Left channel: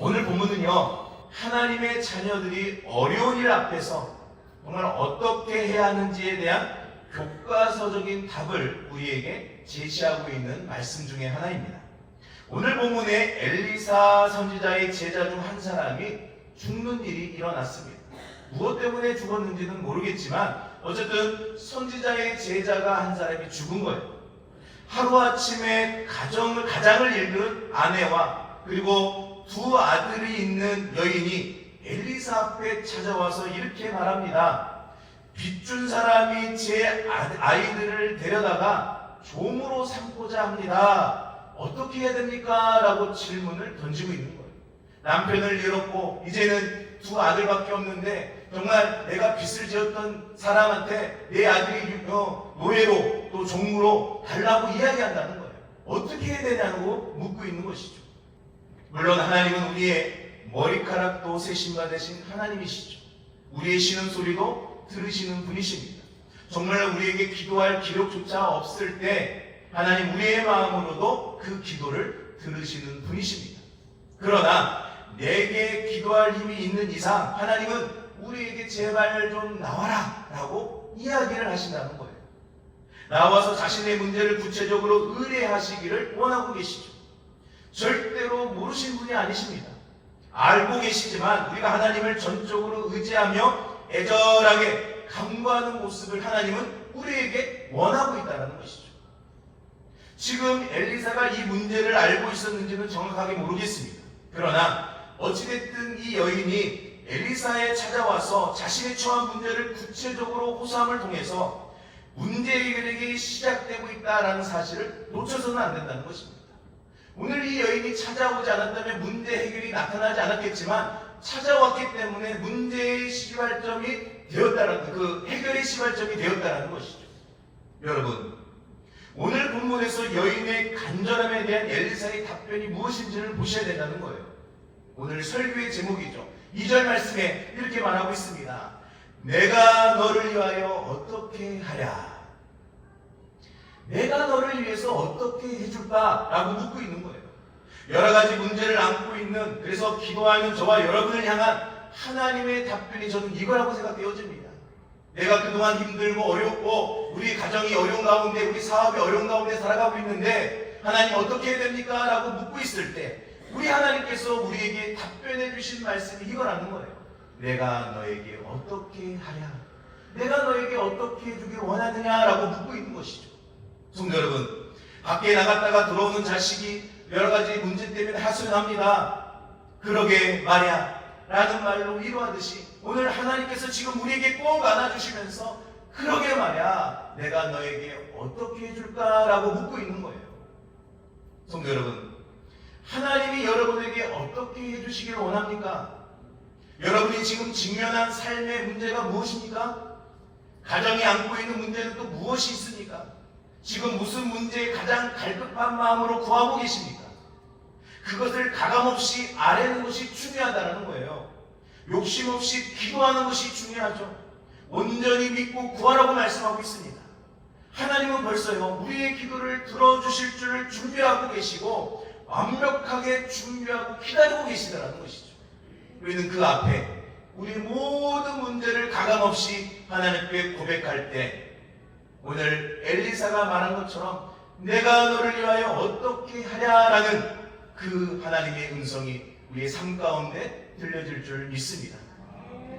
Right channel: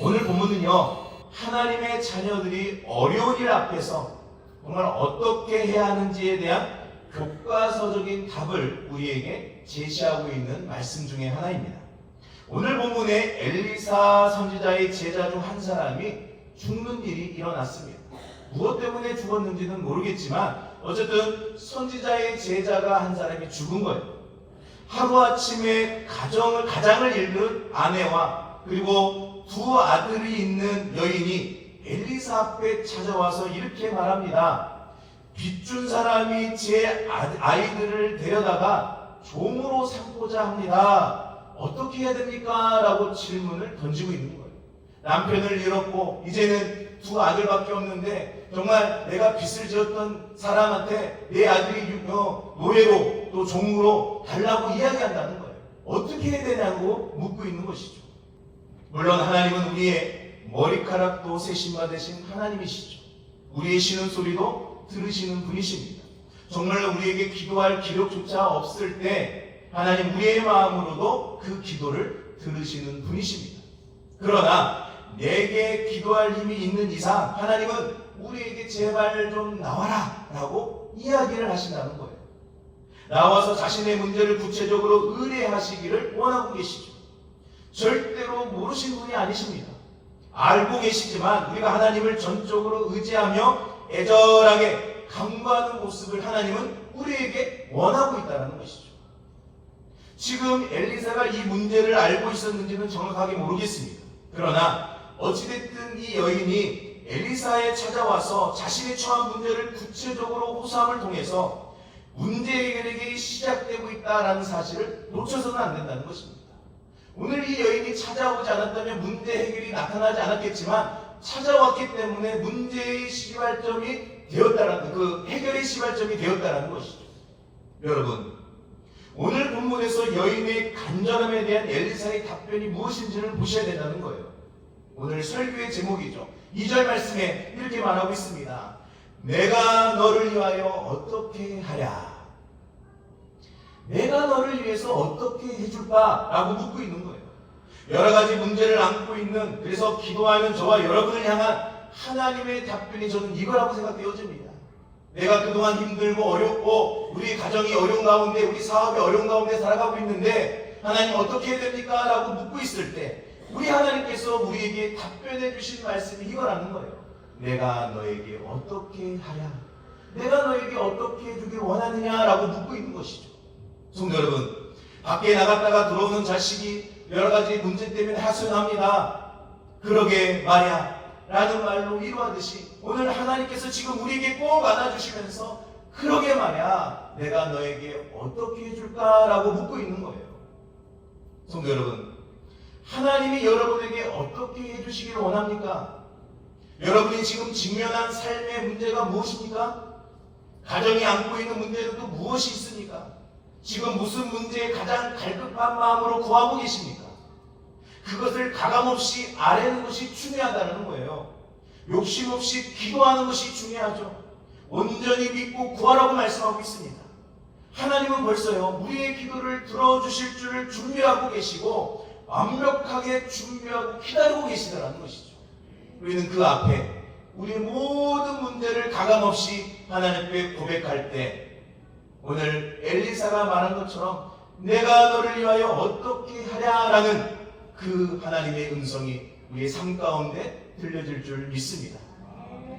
오늘 본문은요, 하나님의 자녀들이 어려운 일 앞에서 정말 어떻게 해야 하는지에 대한 교과서적인 답을 우리에게 제시하고 있는 말씀 중에 하나입니다. 오늘 본문에 엘리사 선지자의 제자 중 한 사람이 죽는 일이 일어났습니다. 무엇 때문에 죽었는지는 모르겠지만 어쨌든 선지자의 제자가 한 사람이 죽은 거예요. 하루아침에 가장을 일군 아내와 그리고 두 아들이 있는 여인이 엘리사 앞에 찾아와서 이렇게 말합니다. 빚준 사람이 제 아이들을 데려다가 종으로 삼고자 합니다. 어떻게 해야 됩니까? 라고 질문을 던지고 있는 거예요. 남편을 잃었고 이제는 두 아들밖에 없는데 정말 내가 빚을 지었던 사람한테 내 아들이 노예로 또 종으로 달라고 이야기한다는 거예요. 어떻게 해야 되냐고 묻고 있는 것이죠. 물론 하나님은 우리의 머리카락도 세심바 되신 하나님이시죠. 우리의 쉬는 소리도 들으시는 분이십니다. 정말 우리에게 기도할 기력조차 없을 때 하나님 우리의 마음으로도 그 기도를 들으시는 분이십니다. 그러나 내게 기도할 힘이 있는 이상 하나님은 우리에게 제발 좀 나와라 라고 이야기를 하신다는 거예요. 나와서 자신의 문제를 구체적으로 의뢰하시기를 원하고 계시죠. 절대로 모르신 분이 아니십니다. 알고 계시지만 우리가 하나님을 전적으로 의지하며 애절하게 간구하는 모습을 하나님은 우리에게 원하고 있다는 것이죠. 지금 엘리사가 이 문제를 알고 있었는지는 정확하게 모르겠습니다. 그러나 어찌됐든 이 여인이 엘리사에 찾아와서 자신의 처한 문제를 구체적으로 호소함을 통해서 문제 해결이 시작되고 있다는 사실을 놓쳐서는 안 된다는 것입니다. 오늘 이 여인이 찾아오지 않았다면 문제 해결이 나타나지 않았겠지만 찾아왔기 때문에 문제의 시발점이 되었다는 그 해결의 시발점이 되었다는 것이죠. 여러분, 오늘 본문에서 여인의 간절함에 대한 엘리사의 답변이 무엇인지를 보셔야 된다는 거예요. 오늘 설교의 제목이죠. 2절 말씀에 이렇게 말하고 있습니다. 내가 너를 위하여 어떻게 하랴? 내가 너를 위해서 어떻게 해줄까? 라고 묻고 있는 거예요. 여러 가지 문제를 안고 있는, 그래서 기도하는 저와 여러분을 향한 하나님의 답변이 저는 이거라고 생각되어집니다. 내가 그동안 힘들고 어렵고 우리 가정이 어려운 가운데, 우리 사업이 어려운 가운데 살아가고 있는데 하나님 어떻게 해야 됩니까? 라고 묻고 있을 때 우리 하나님께서 우리에게 답변해 주신 말씀이 이거라는 거예요. 내가 너에게 어떻게 하랴? 내가 너에게 어떻게 해주길 원하느냐? 라고 묻고 있는 것이죠. 성도 여러분, 밖에 나갔다가 들어오는 자식이 여러 가지 문제 때문에 하소연합니다. 그러게 말이야 라는 말로 위로하듯이 오늘 하나님께서 지금 우리에게 꼭 안아주시면서 그러게 말이야 내가 너에게 어떻게 해줄까? 라고 묻고 있는 거예요. 성도 여러분, 하나님이 여러분에게 어떻게 해주시기를 원합니까? 여러분이 지금 직면한 삶의 문제가 무엇입니까? 가정이 안고 있는 문제는 또 무엇이 있습니까? 지금 무슨 문제에 가장 갈급한 마음으로 구하고 계십니까? 그것을 가감없이 아뢰는 것이 중요하다는 거예요. 욕심 없이 기도하는 것이 중요하죠. 온전히 믿고 구하라고 말씀하고 있습니다. 하나님은 벌써요 우리의 기도를 들어주실 줄을 준비하고 계시고 완벽하게 준비하고 기다리고 계시더라는 것이죠. 우리는 그 앞에 우리의 모든 문제를 가감없이 하나님께 고백할 때 오늘 엘리사가 말한 것처럼 내가 너를 위하여 어떻게 하랴라는 그 하나님의 음성이 우리의 삶 가운데 들려질 줄 믿습니다.